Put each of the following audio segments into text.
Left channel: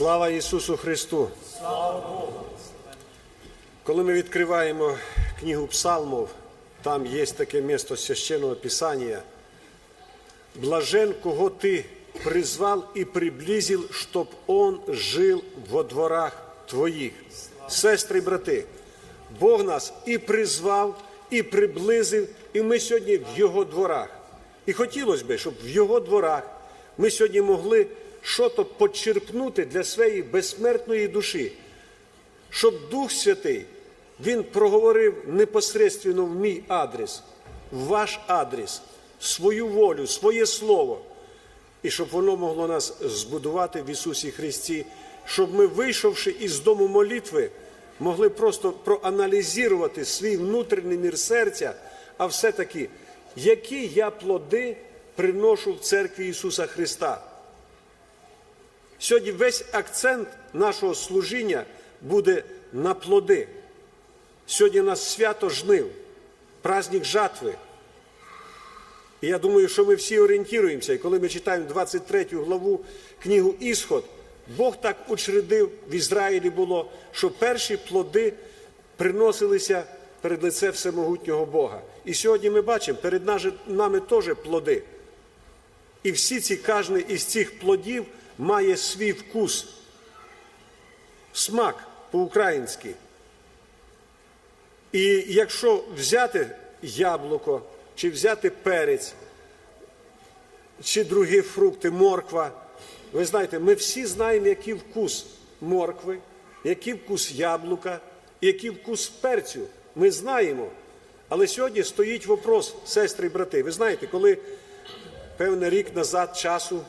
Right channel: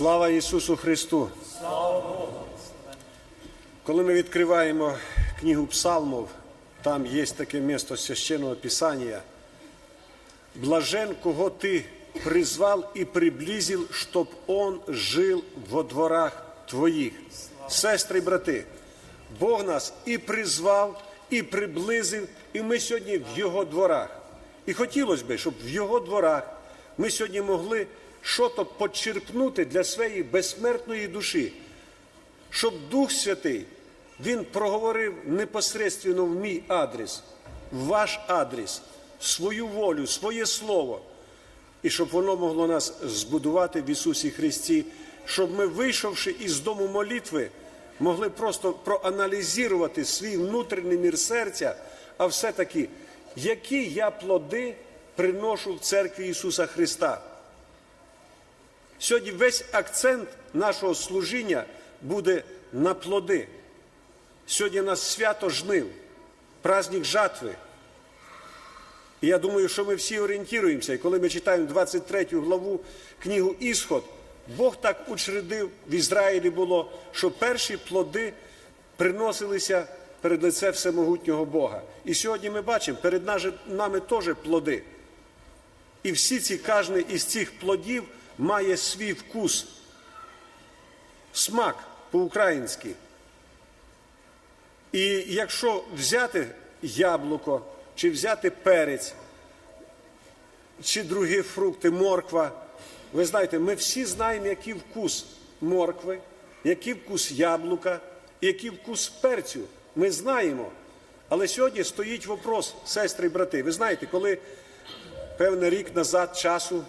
Слава Ісусу Христу! Слава Богу! Коли ми відкриваємо книгу Псалмов, там є таке місто священного Писання. Блажен, кого ти призвал і приблизил, щоб он жив во дворах твоїх. Сестри і брати, Бог нас і призвав, і приблизив, і ми сьогодні в Його дворах. І хотілося б, щоб в Його дворах ми сьогодні могли щось почерпнути для своєї безсмертної душі, щоб Дух Святий Він проговорив непосредственно в мій адрес, в ваш адрес, свою волю, своє слово, і щоб воно могло нас збудувати в Ісусі Христі, щоб ми, вийшовши із дому молитви, могли просто проаналізувати свій внутрішній мір серця, а все-таки, які я плоди приношу в церкві Ісуса Христа. Сьогодні весь акцент нашого служіння буде на плоди. Сьогодні у нас свято жнив, праздник жатви. І я думаю, що ми всі орієнтуємося, і коли ми читаємо 23 главу книгу Ісход, Бог так учредив в Ізраїлі було, що перші плоди приносилися перед лице всемогутнього Бога. І сьогодні ми бачимо, перед нами теж плоди. І всі ці, кожен із цих плодів має свій вкус, смак по-українськи. І якщо взяти яблуко, чи взяти перець, чи другі фрукти, морква, ви знаєте, ми всі знаємо, який вкус моркви, який вкус яблука, який вкус перцю. Ми знаємо. Але сьогодні стоїть вопрос, сестри і брати. Ви знаєте, коли певний рік назад часу,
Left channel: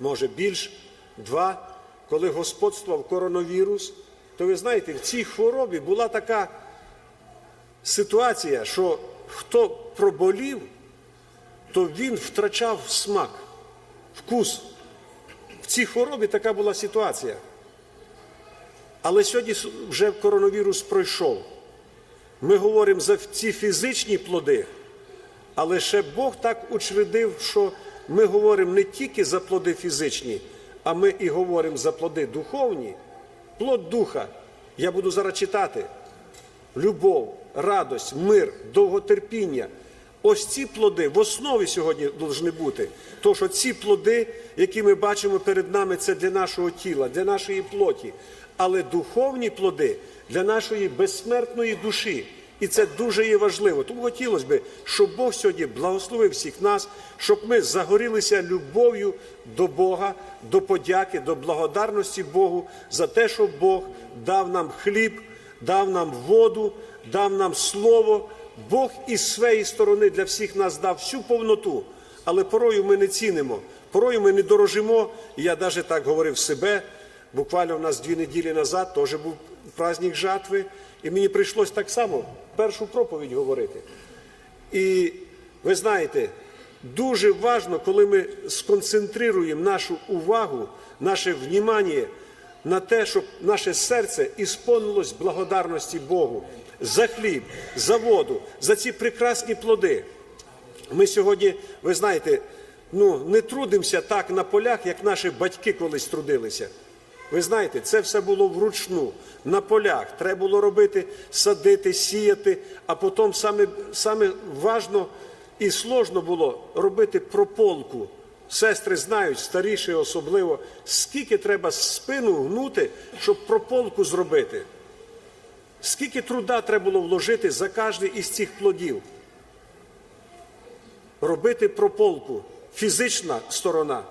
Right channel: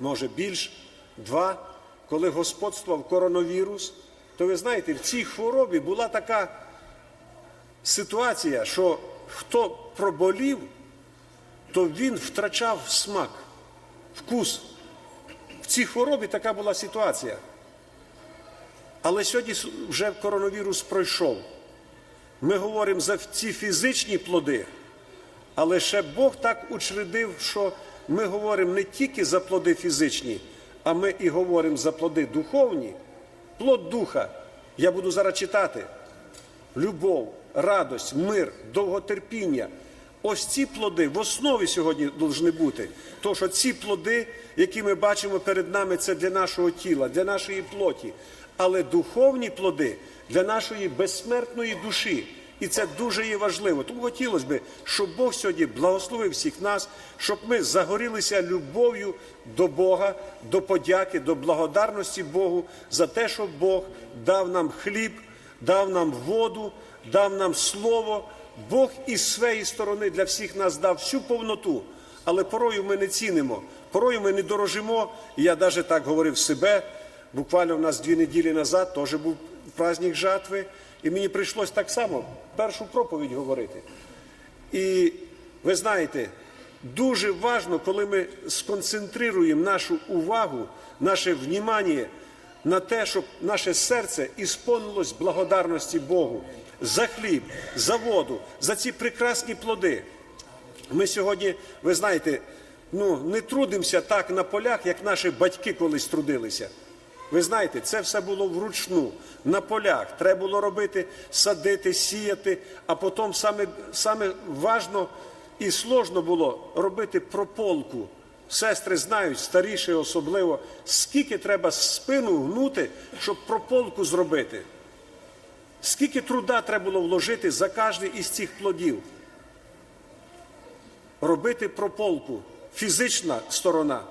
може більш, два, коли господствував коронавірус, то ви знаєте, в цій хворобі була така ситуація, що хто проболів, то він втрачав смак, вкус. В цій хворобі така була ситуація. Але сьогодні вже коронавірус пройшов. Ми говоримо за ці фізичні плоди, але ще Бог так учредив, що ми говоримо не тільки за плоди фізичні, а ми і говоримо за плоди духовні, плод духа. Я буду зараз читати. Любов, радость, мир, довготерпіння. Ось ці плоди в основі сьогодні повинні бути. Тому що ці плоди, які ми бачимо перед нами, це для нашого тіла, для нашої плоті. Але духовні плоди для нашої безсмертної душі. І це дуже є важливо. Тому хотілося б, щоб Бог сьогодні благословив всіх нас, щоб ми загорілися любов'ю до Бога, до подяки, до благодарності Богу за те, що Бог дав нам хліб, дав нам воду, дав нам слово. Бог із своєї сторони для всіх нас дав всю повноту, але порою ми не цінимо, порою ми не дорожимо. Я навіть так говорив себе. Буквально у нас дві неділі назад теж був праздник жатви, і мені прийшлось так само першу проповідь говорити. І ви знаєте, дуже важливо, коли ми сконцентруємо нашу увагу, наше внімання на те, щоб наше серце ісповнилось благодарності Богу за хліб, за воду, за ці прекрасні плоди. Ми сьогодні, ви знаєте, ну, не трудимося так на полях, як наші батьки колись трудилися. Ви знаєте, це все було вручну, на полях. Треба було робити, садити, сіяти, а потім саме саме важно і сложно було робити прополку. Сестри знають, старіші особливо, скільки треба спину гнути, щоб прополку зробити. Скільки труда треба було вложити за кожний із цих плодів. Робити прополку, фізична сторона.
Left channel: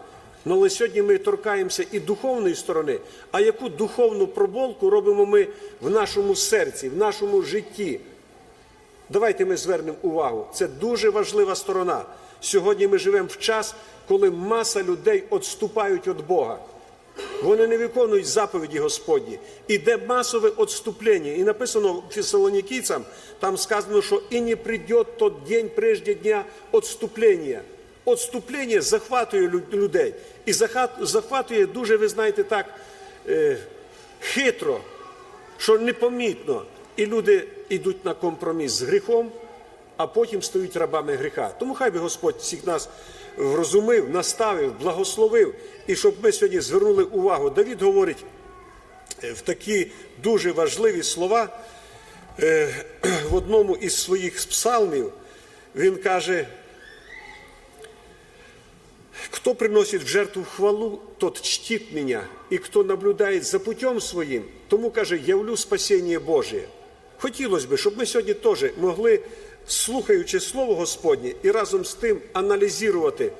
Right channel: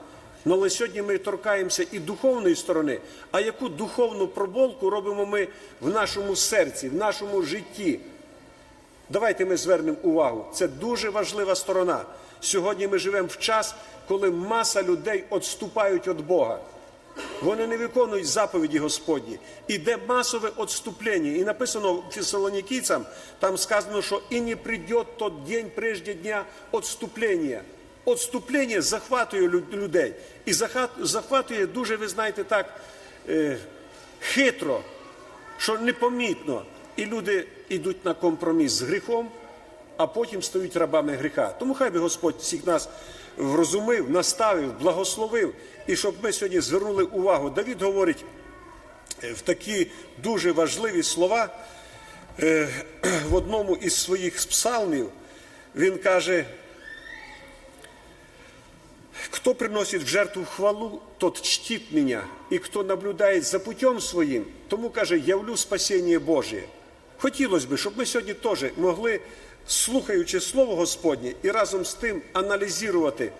Ну, але сьогодні ми торкаємося і духовної сторони. А яку духовну проболку робимо ми в нашому серці, в нашому житті? Давайте ми звернемо увагу. Це дуже важлива сторона. Сьогодні ми живемо в час, коли маса людей відступають від Бога. Вони не виконують заповіді Господні. Іде масове відступлення. І написано фесалонікійцям, там сказано, що і не прийде тот день прежде дня відступлення. Отступлення захватує людей. І захватує дуже, ви знаєте, так е, хитро, що непомітно. І люди йдуть на компроміс з гріхом, а потім стають рабами гріха. Тому хай би Господь всіх нас врозумив, наставив, благословив, і щоб ми сьогодні звернули увагу. Давід говорить е, в такі дуже важливі слова е, в одному із своїх псалмів. Він каже, Кто приносит в жертву хвалу, тот чтит меня, и хто наблюдает за путем своїм, тому каже, явлю спасіння Божє. Хотілося б, щоб ми сьогодні теж могли, слухаючи Слово Господнє, і разом з тим аналізувати,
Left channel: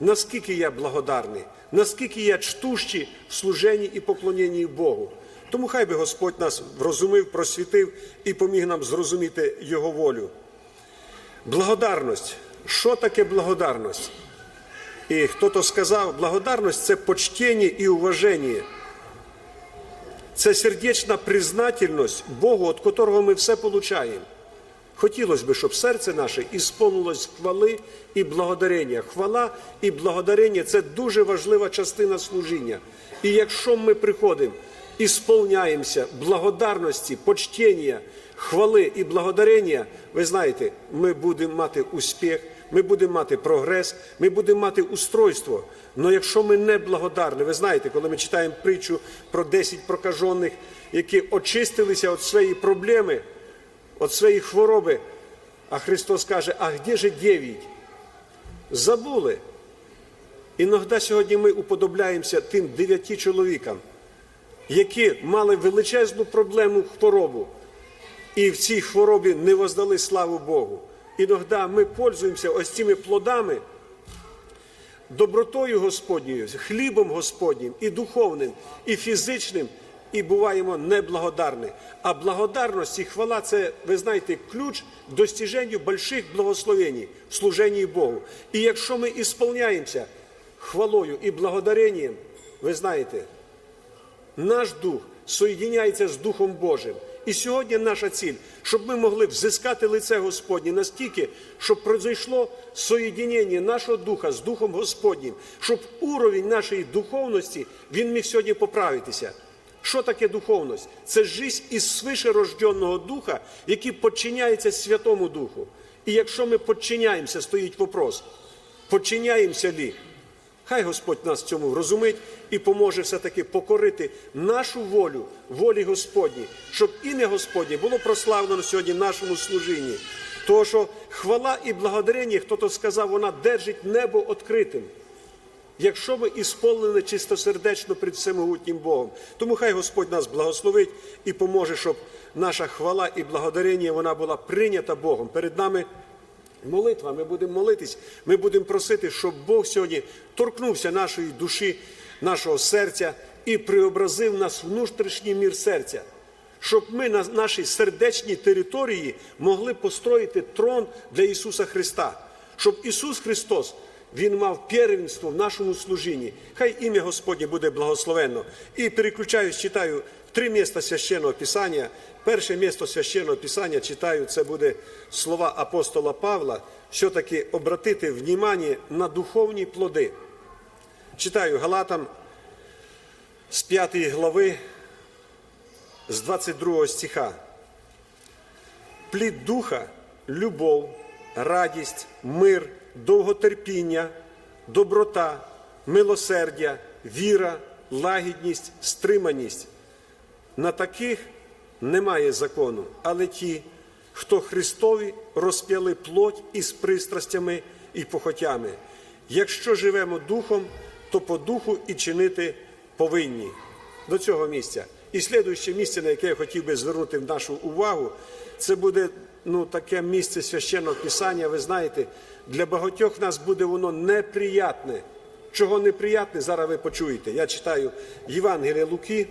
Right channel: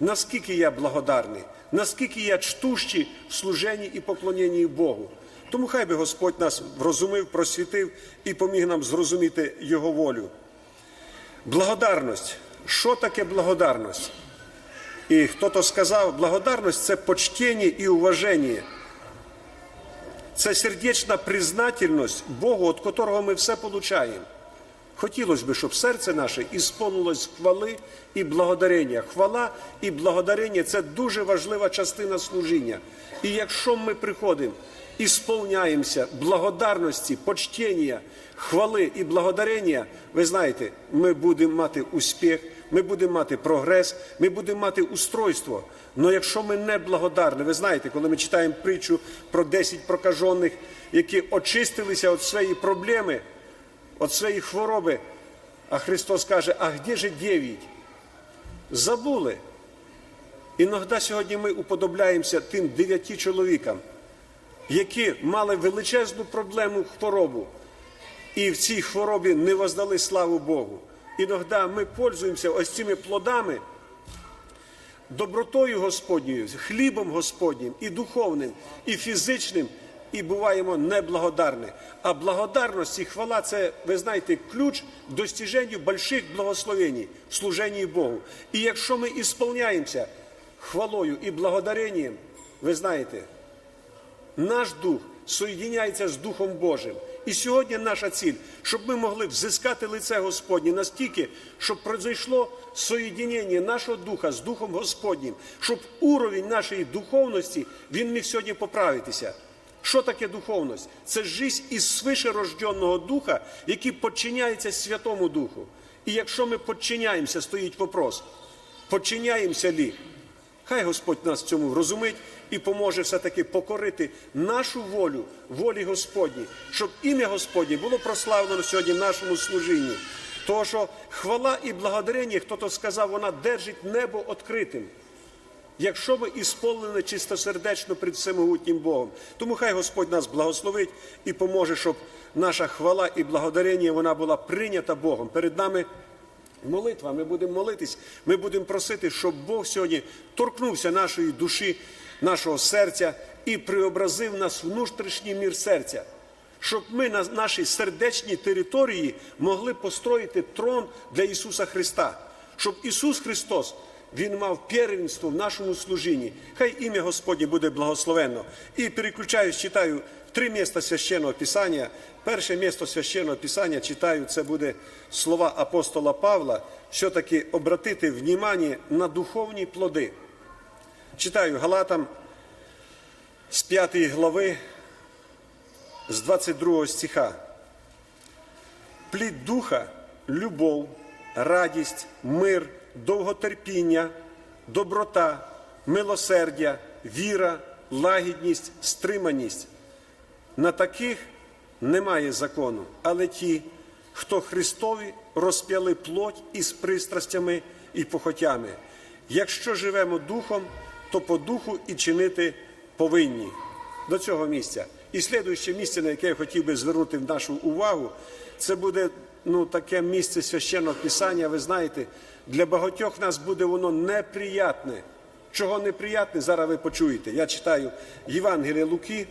наскільки я благодарний, наскільки я чтущий в служенні і поклоненні Богу. Тому хай би Господь нас врозумив, просвітив і поміг нам зрозуміти Його волю. Благодарність. Що таке благодарність? І хто-то сказав, благодарність це почтення і уваження. Це сердечна признательність Богу, від котрого ми все получаємо. Хотілося б, щоб серце наше ісполнилось хвали і благодарення. Хвала і благодарення це дуже важлива частина служіння. І якщо ми приходимо і сповняємося благодарності, почтення, хвали і благодарення, ви знаєте, ми будемо мати успіх, ми будемо мати прогрес, ми будемо мати устройство. Але якщо ми не благодарні, ви знаєте, коли ми читаємо притчу про 10 прокажених, які очистилися від своєї проблеми, від своєї хвороби, а Христос каже, а де же дев'ять? Забули. Іногда сьогодні ми уподобляємося тим дев'яти чоловікам, які мали величезну проблему хворобу, і в цій хворобі не воздали славу Богу. Іногда ми пользуємося ось цими плодами, добротою Господньою, хлібом Господнім, і духовним, і фізичним, і буваємо неблагодарні. А благодарність і хвала це, ви знаєте, ключ достиженню больших благословень в служенні Богу. І якщо ми ісполняємося хвалою і благодаренням, ви знаєте, наш дух соєдиняється з Духом Божим. І сьогодні наша ціль, щоб ми могли взискати лице Господнє настільки, щоб произойшло соєдинення нашого духа з Духом Господнім, щоб уровень нашої духовності він міг сьогодні поправитися. Що таке духовність? Це життя із свишерожденного духа, який підчиняється Святому Духу. І якщо ми підчиняємося, стоїть вопрос, підчиняємося лі? Хай Господь нас в цьому врозумить і поможе все-таки покорити нашу волю, волі Господній, щоб ім'я Господнє було прославлено сьогодні в нашому служінні. Тому що хвала і благодарення, хто-то сказав, вона держить небо відкритим. Якщо ми ісполнені чистосердечно перед всемогутнім Богом. Тому хай Господь нас благословить і поможе, щоб наша хвала і благодарення вона була прийнята Богом. Перед нами молитва. Ми будемо молитись, ми будемо просити, щоб Бог сьогодні торкнувся нашої душі, нашого серця і преобразив нас внутрішній мір серця. Щоб ми на нашій сердечній території могли построїти трон для Ісуса Христа, щоб Ісус Христос Він мав первенство в нашому служінні. Хай ім'я Господнє буде благословенно. І переключаюсь, читаю три міста священного Писання. Перше місто священного Писання читаю, це буде слова апостола Павла, все-таки обратити внимание на духовні плоди. Читаю Галатам з 5 глави, з 22 стиха. Плід духа, любов, радість, мир, довготерпіння, доброта, милосердя, віра, лагідність, стриманість. На таких немає закону, але ті, хто Христові розп'яли плоть із пристрастями і похотями. Якщо живемо духом, то по духу і чинити повинні. До цього місця. І слідуюче місце, на яке я хотів би звернути нашу увагу, це буде ну, таке місце священного писання. Ви знаєте, для багатьох нас буде воно неприятне. Чого неприятне, зараз ви почуєте. Я читаю Євангелія Луки.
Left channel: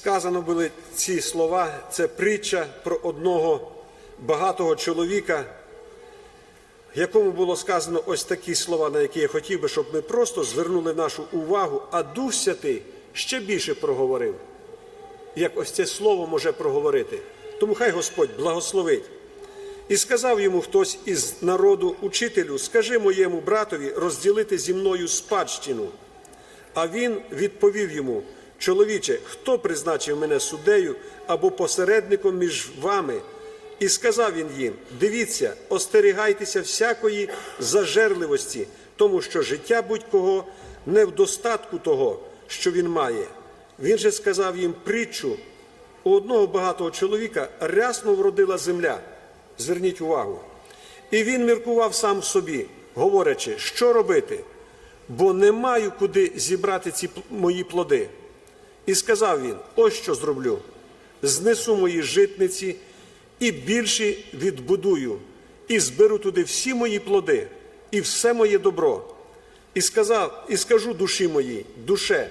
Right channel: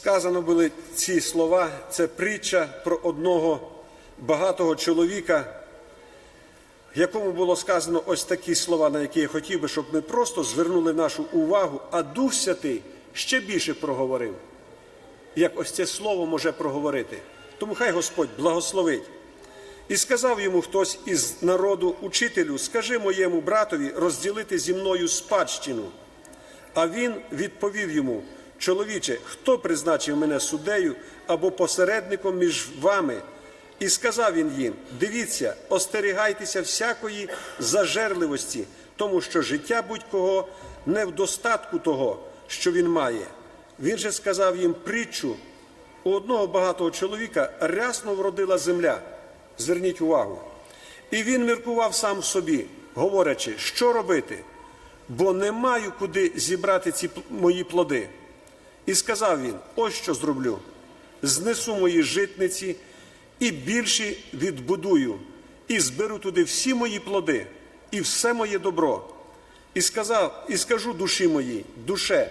Сказано були ці слова, це притча про одного багатого чоловіка, якому було сказано ось такі слова, на які я хотів би, щоб ми просто звернули нашу увагу, а Дух Святий ще більше проговорив, як ось це слово може проговорити. Тому хай Господь благословить. І сказав йому хтось із народу учителю, скажи моєму братові розділити зі мною спадщину. А він відповів йому: Чоловіче, хто призначив мене суддею або посередником між вами. І сказав він їм: дивіться, остерігайтеся всякої зажерливості, тому що життя будь-кого не в достатку того, що він має. Він же сказав їм притчу. У одного багатого чоловіка рясно вродила земля. Зверніть увагу. І він міркував сам в собі, говорячи, що робити, бо не маю куди зібрати ці мої плоди. І сказав він: ось що зроблю: знесу мої житниці і більші відбудую, і зберу туди всі мої плоди, і все моє добро. І сказав, і скажу душі моїй, душе,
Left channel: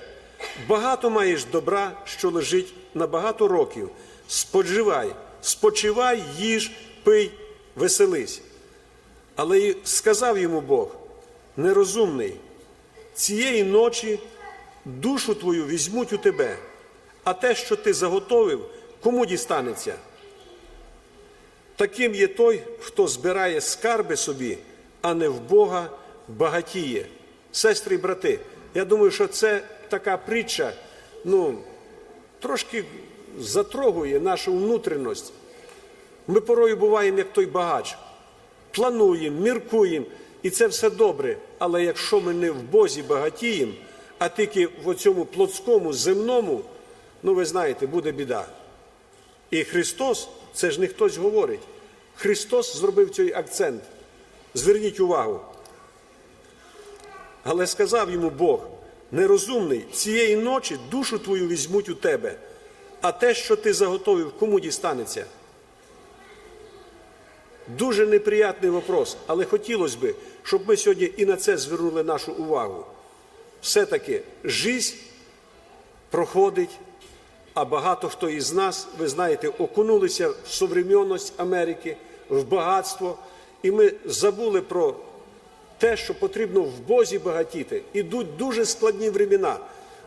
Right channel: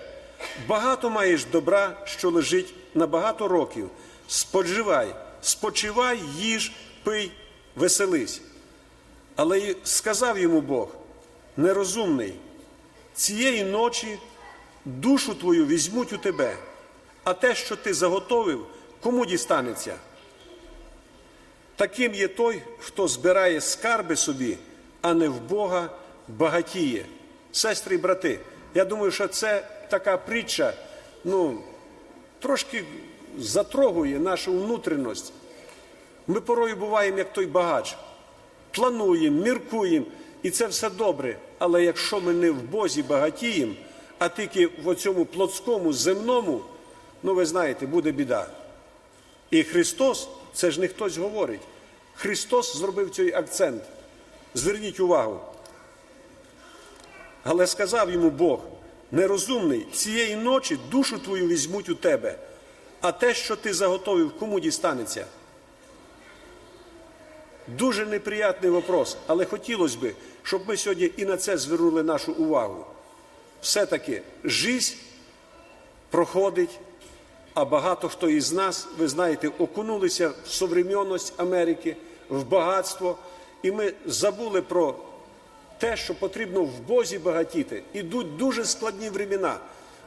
багато маєш добра, що лежить на багато років. Споживай, спочивай, їж, пий, веселись. Але сказав йому Бог, нерозумний, цієї ночі душу твою візьмуть у тебе, а те, що ти заготовив, кому дістанеться? Таким є той, хто збирає скарби собі, а не в Бога багатіє. Сестри і брати, я думаю, що це така притча, ну, трошки затрогує нашу внутрішність. Ми порою буваємо як той багач. Плануємо, міркуємо, і це все добре. Але якщо ми не в Бозі багатіємо, а тільки в цьому плотському, земному, ну ви знаєте, буде біда. І Христос, це ж не хтось говорить. Христос зробив цей акцент. Зверніть увагу. Але сказав йому Бог, нерозумний, цієї ночі душу твою візьмуть у тебе, а те, що ти заготовив, кому дістанеться? Дуже неприятний вопрос, але хотілося б, щоб ми сьогодні і на це звернули нашу увагу. Все-таки жизнь проходить, а багато хто із нас, ви знаєте, окунулися в современність Америки, в багатство, і ми забули про те, що потрібно в Бозі багатіти. Ідуть дуже складні времена.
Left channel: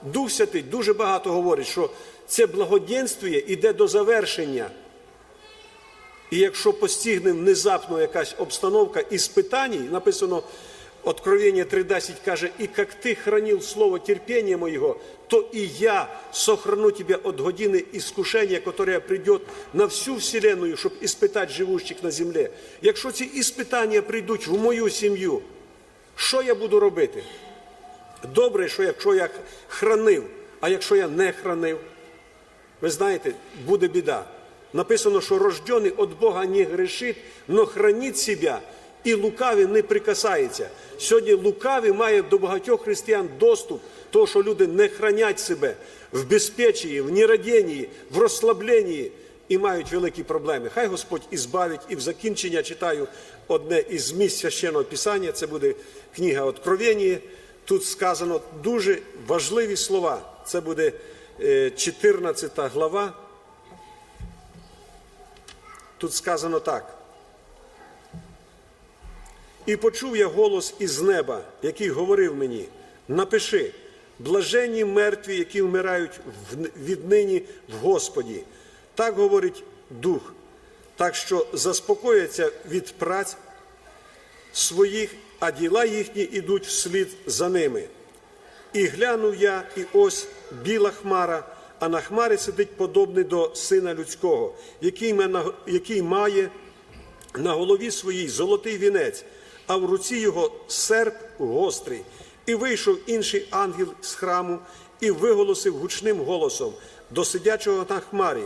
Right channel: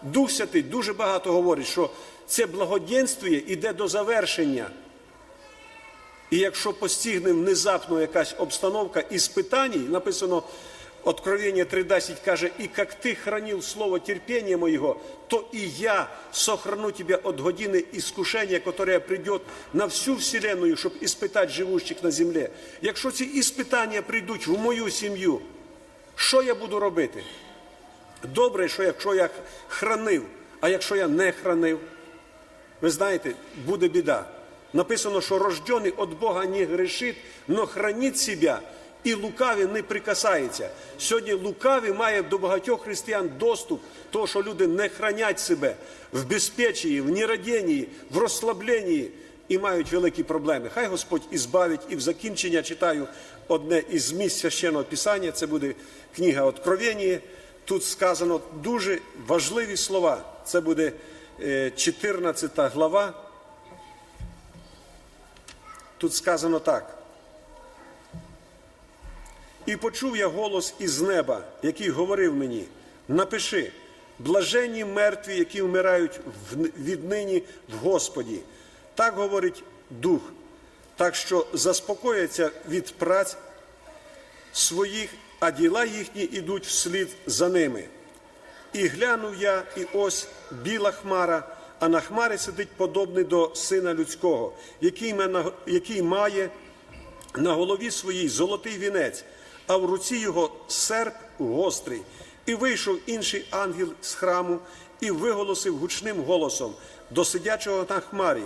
Дух Святий дуже багато говорить, що це благоденствіє іде до завершення. І якщо постигне внезапно якась обстановка іспитаній, написано Откровення 3.10 каже, «І як ти хранив слово терпіння моєго, то і я сохрану тебе от години іскушення, которое придет на всю вселенную, щоб іспитати живущих на землі. Якщо ці іспитання прийдуть в мою сім'ю, що я буду робити? Добре, що якщо я хранив, а якщо я не хранив, ви знаєте, буде біда. Написано, що рождений від Бога не грешить, но хранить себе, і лукавий не прикасається. Сьогодні лукавий має до багатьох християн доступ, того, що люди не хранять себе в безпечії, в нерадінні, в розслабленні і мають великі проблеми. Хай Господь ізбавить і в закінчення читаю одне із місць священного писання. Це буде книга Откровення. Тут сказано дуже важливі слова. Це буде е, 14 глава. Тут сказано так. І почув я голос із неба, який говорив мені: напиши, блаженні мертві, які вмирають віднині в Господі. Так говорить Дух, так що заспокояться від праць своїх, а діла їхні ідуть вслід за ними. І глянув я, і ось біла хмара, а на хмарі сидить подобний до сина людського, який має на голові своїй золотий вінець, а в руці його серп гострий. І вийшов інший ангел з храму і виголосив гучним голосом до сидячого на хмарі:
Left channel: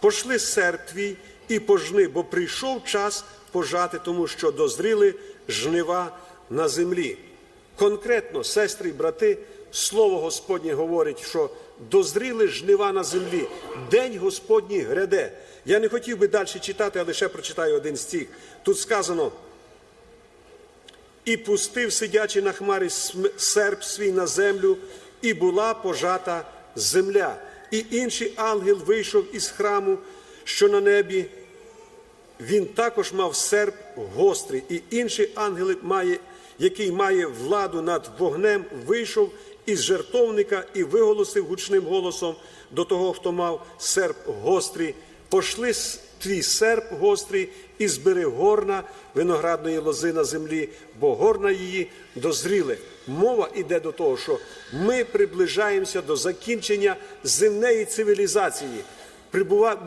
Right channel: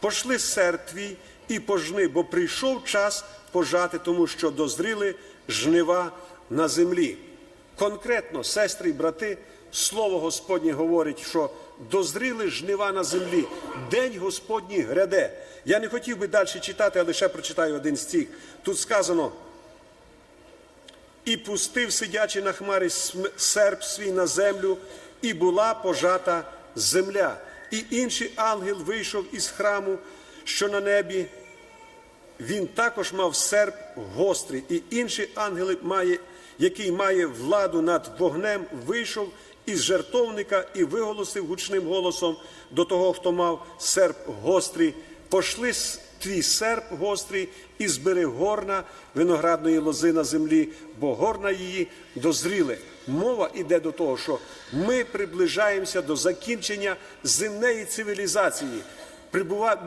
Пошли серп твій і пожни, бо прийшов час пожати, тому що дозріли жнива на землі. Конкретно, сестри і брати, слово Господнє говорить, що дозріли жнива на землі, день Господній гряде. Я не хотів би далі читати, а лише прочитаю один стих. Тут сказано. І пустив сидячи на хмарі серп свій на землю, і була пожата земля. І інший ангел вийшов із храму, що на небі. Він також мав серп гострий, і інший ангел, має, який має владу над вогнем, вийшов із жертовника і виголосив гучним голосом до того, хто мав серп гострий. Пошли твій серп гострий і збери горна виноградної лози на землі, бо горна її дозріли. Мова йде до того, що ми приближаємося до закінчення земної цивілізації.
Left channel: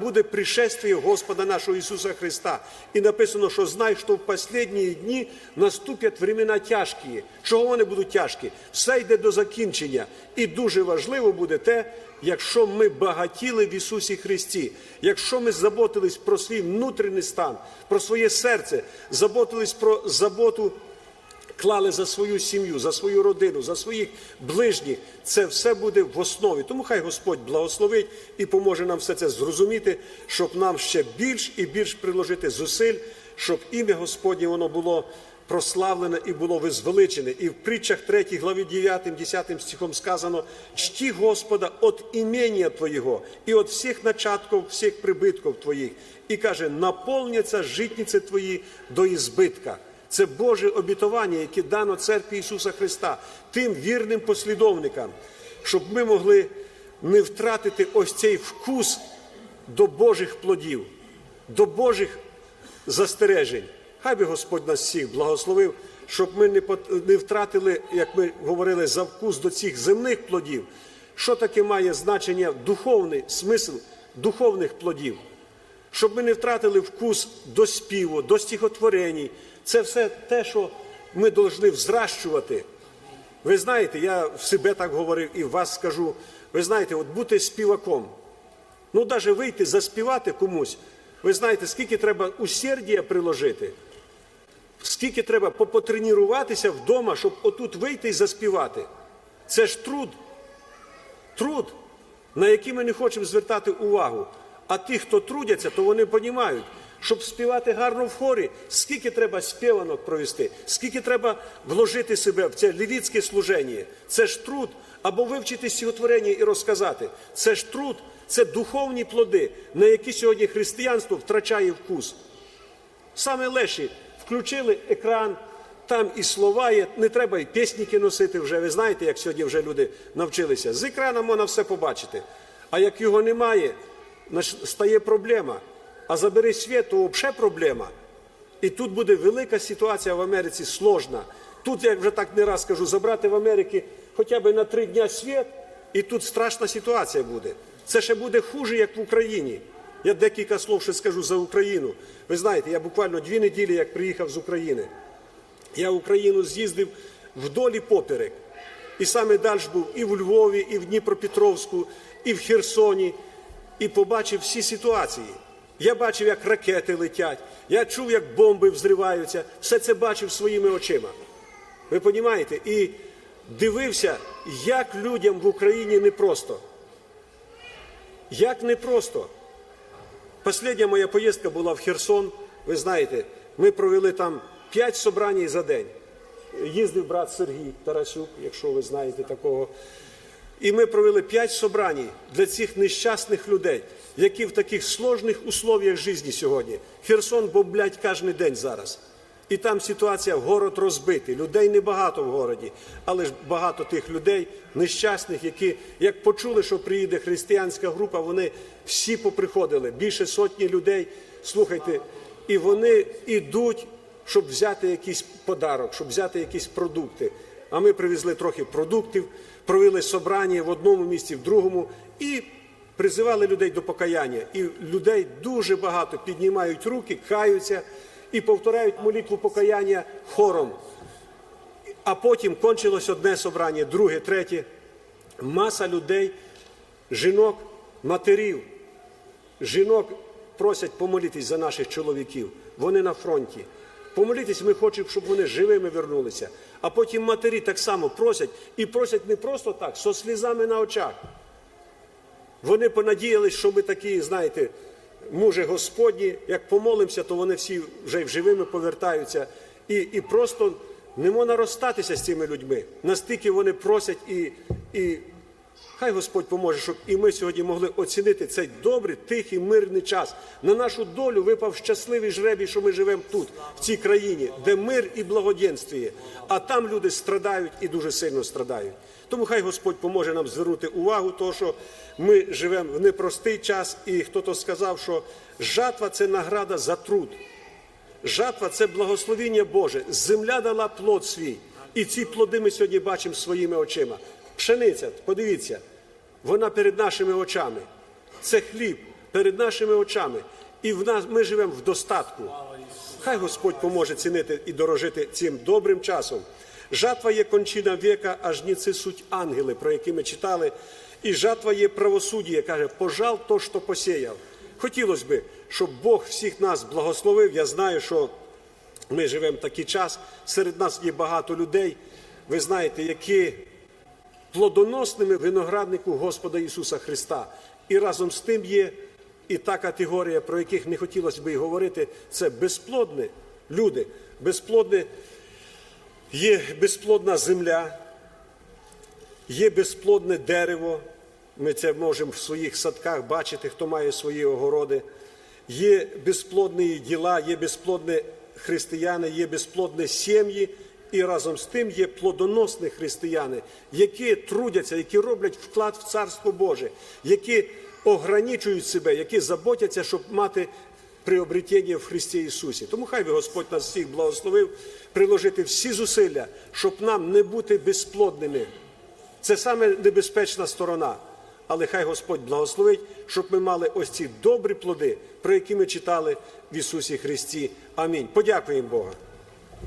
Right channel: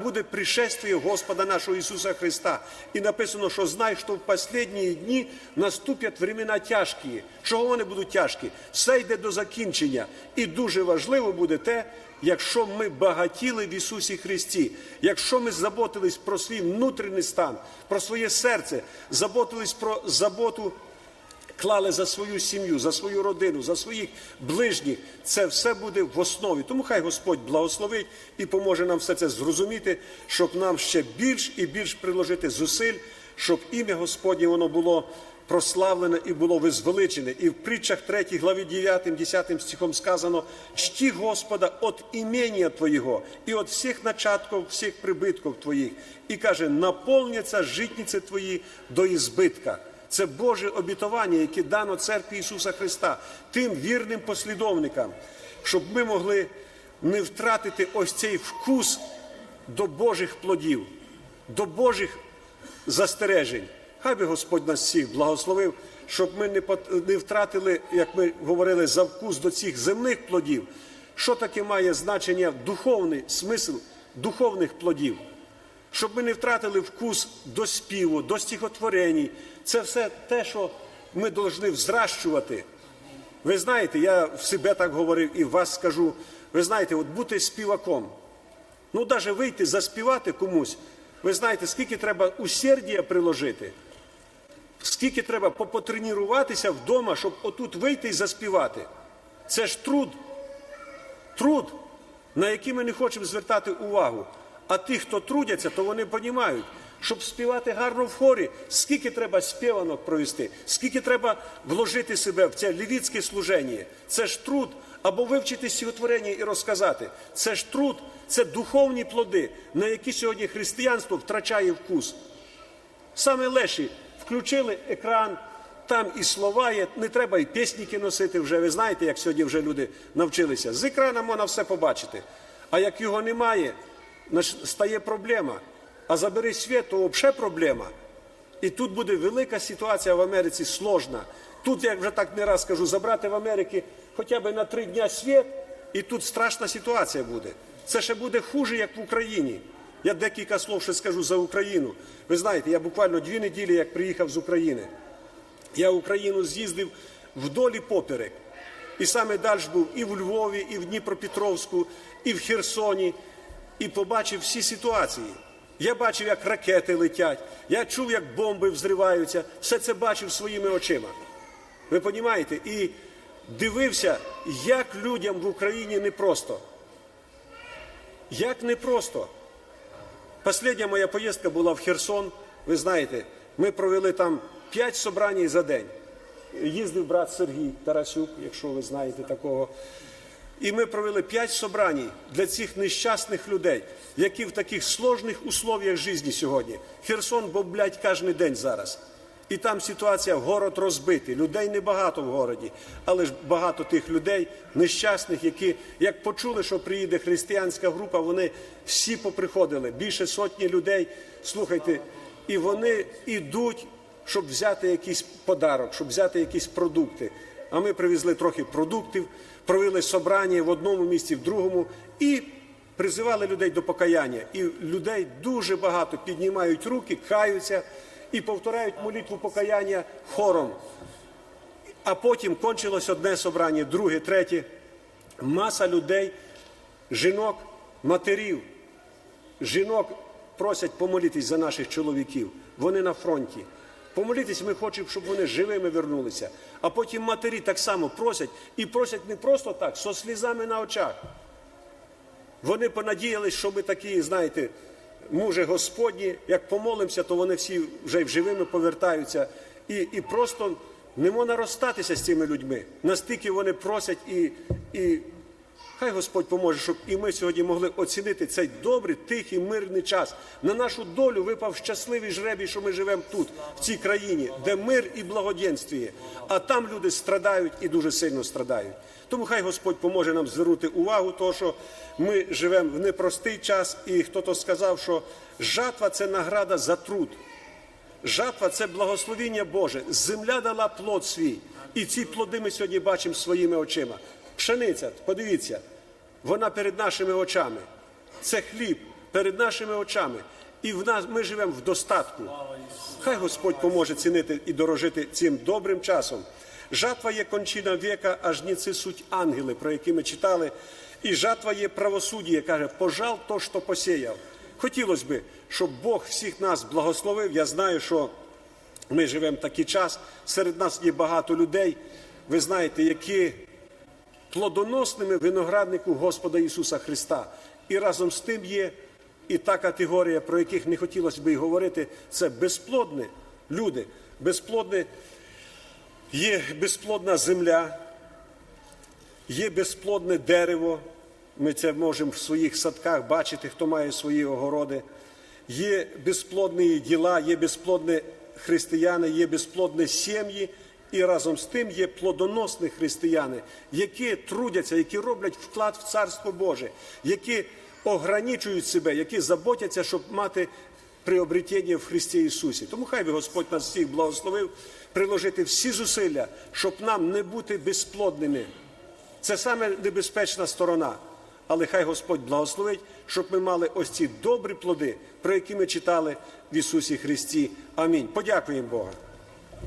Буде пришествие Господа нашого Ісуса Христа. І написано, що знай, що в останні дні наступять времена тяжкі. Чого вони будуть тяжкі? Все йде до закінчення. І дуже важливо буде те, якщо ми багатіли в Ісусі Христі, якщо ми заботились про свій внутрішній стан, про своє серце, заботились про заботу клали за свою сім'ю, за свою родину, за своїх ближніх, це все буде в основі. Тому хай Господь благословить і поможе нам все це зрозуміти, щоб нам ще більш і більш приложити зусиль, щоб ім'я Господнє воно було прославлене і було визвеличене. І в притчах 3 главі 9, 10 стихом сказано: чти Господа от імення Твоєго і от всіх начатків, всіх прибитків Твоїх. І каже, наповняться житниці Твої до ізбитка. Це Боже обітування, яке дано церкві Ісуса Христа, тим вірним послідовникам, щоб ми могли не втратити ось цей вкус до Божих плодів, до Божих застережень. Хай би Господь нас всіх благословив, щоб ми не пот- не втратили, як ми говорили, за вкус до цих земних плодів. Що таке має значення духовний смисл духовних плодів? щоб ми не втратили вкус до співу, до стихотворень. Це все те, що ми повинні взращувати. Ви знаєте, я в себе так говорив і вас скажу. Ви знаєте, от бути співаком. Ну, навіть вийти заспівати комусь. Ви знаєте, скільки треба усердія приложити, скільки треба попотренуватися вдома, щоб отут вийти і заспівати. Це ж труд. Труд, на який ми не хочемо звертати увагу. А ті, хто трудяться, то вони розуміють, щоб співати гарно в хорі, скільки треба співанок провести, скільки треба вложити себе в це лівіцьке служення. Це ж труд, або вивчити стихотворення і розказати. Це ж труд, це духовні плоди, на які сьогодні християнство втрачає вкус. Саме леші включили екран, там і слова є, не треба і пісніки носити вже. Ви знаєте, як сьогодні вже люди навчилися. З екрана можна все побачити. А як його немає, стає проблема. А забери світ, то взагалі проблема. І тут буде велика ситуація в Америці сложна. Тут, я вже так не раз кажу, забрати в Америці хоча б на три дня світ, і тут страшна ситуація буде. Це ще буде хуже, як в Україні. Я декілька слов ще скажу за Україну. Ви знаєте, я буквально дві неділі, як приїхав з України. Я в Україну з'їздив вдолі поперек. І саме далі був і в Львові, і в Дніпропетровську, і в Херсоні, і побачив всі ситуації. Я бачив, як ракети летять, я чув, як бомби взриваються, все це бачив своїми очима. Ви розумієте? І дивився, як людям в Україні непросто. Як непросто. Последня моя поїздка була в Херсон. Ви знаєте, ми провели там п'ять собрань за день. Їздив брат Сергій Тарасюк, якщо ви знаєте такого. І ми провели п'ять собрань для цих нещасних людей, які в таких сложних условиях житті сьогодні. Херсон бомблять кожен день зараз. І там ситуація, город розбитий, людей небагато в городі, але ж багато тих людей, нещасних, які, як почули, що приїде християнська група, вони всі поприходили, більше сотні людей, слухайте, і вони йдуть, щоб взяти якийсь подарок, щоб взяти якісь продукти. А ми привезли трохи продуктів, провели собрання в одному місці, в другому і призивали людей до покаяння. І людей дуже багато піднімають руки, каються і повторяють молитву покаяння хором. А потім кончилось одне собрання, друге, третє. Маса людей, жінок, матерів, жінок просять помолитись за наших чоловіків. Вони на фронті. Помолитись ми хочемо, щоб вони живими вернулися. А потім матері так само просять і просять не просто так, со слізами на очах. Вони понадіялись, що ми такі, знаєте, мужі Господні, як помолимося, то вони всі вже й живими повертаються. І, і просто не можна розстатися з цими людьми. Настільки вони просять і, і хай Господь поможе, щоб і ми сьогодні могли оцінити цей добрий, тихий, мирний час. На нашу долю випав щасливий жребій, що ми живемо тут, в цій країні, де мир і благоденствіє. А там люди страдають і дуже сильно страдають. Тому хай Господь поможе нам звернути увагу, тому що ми живемо в непростий час, і хто-то сказав, що жатва це награда за труд. Жатва це благословіння Боже. Земля дала плод свій. І ці плоди ми сьогодні бачимо своїми очима. Пшениця, подивіться, вона перед нашими очами. Це хліб. перед нашими очами. І в нас ми живемо в достатку. Хай Господь поможе цінити і дорожити цим добрим часом. Жатва є кончина віка, а жніці суть ангели, про які ми читали. І жатва є правосуддя, каже, пожал то, що посіяв. Хотілося б, щоб Бог всіх нас благословив. Я знаю, що ми живемо такий час. Серед нас є багато людей, ви знаєте, які плодоносними винограднику Господа Ісуса Христа. І разом з тим є і та категорія, про яких не хотілося б і говорити, це безплодні люди. Безплодне, є безплодна земля, є безплодне дерево. Ми це можемо в своїх садках бачити, хто має свої огороди. Є безплодні діла, є безплодні християни, є безплодні сім'ї, і разом з тим є плодоносні християни, які трудяться, які роблять вклад в Царство Боже, які ограничують себе, які заботяться, щоб мати приобретення в Христі Ісусі. Тому хай би Господь нас всіх благословив приложити всі зусилля, щоб нам не бути безплодними. Це саме небезпечна сторона. Але хай Господь благословить, щоб ми мали ось ці добрі плоди, про які ми читали в Ісусі Христі. Амінь. Подякуємо Бога.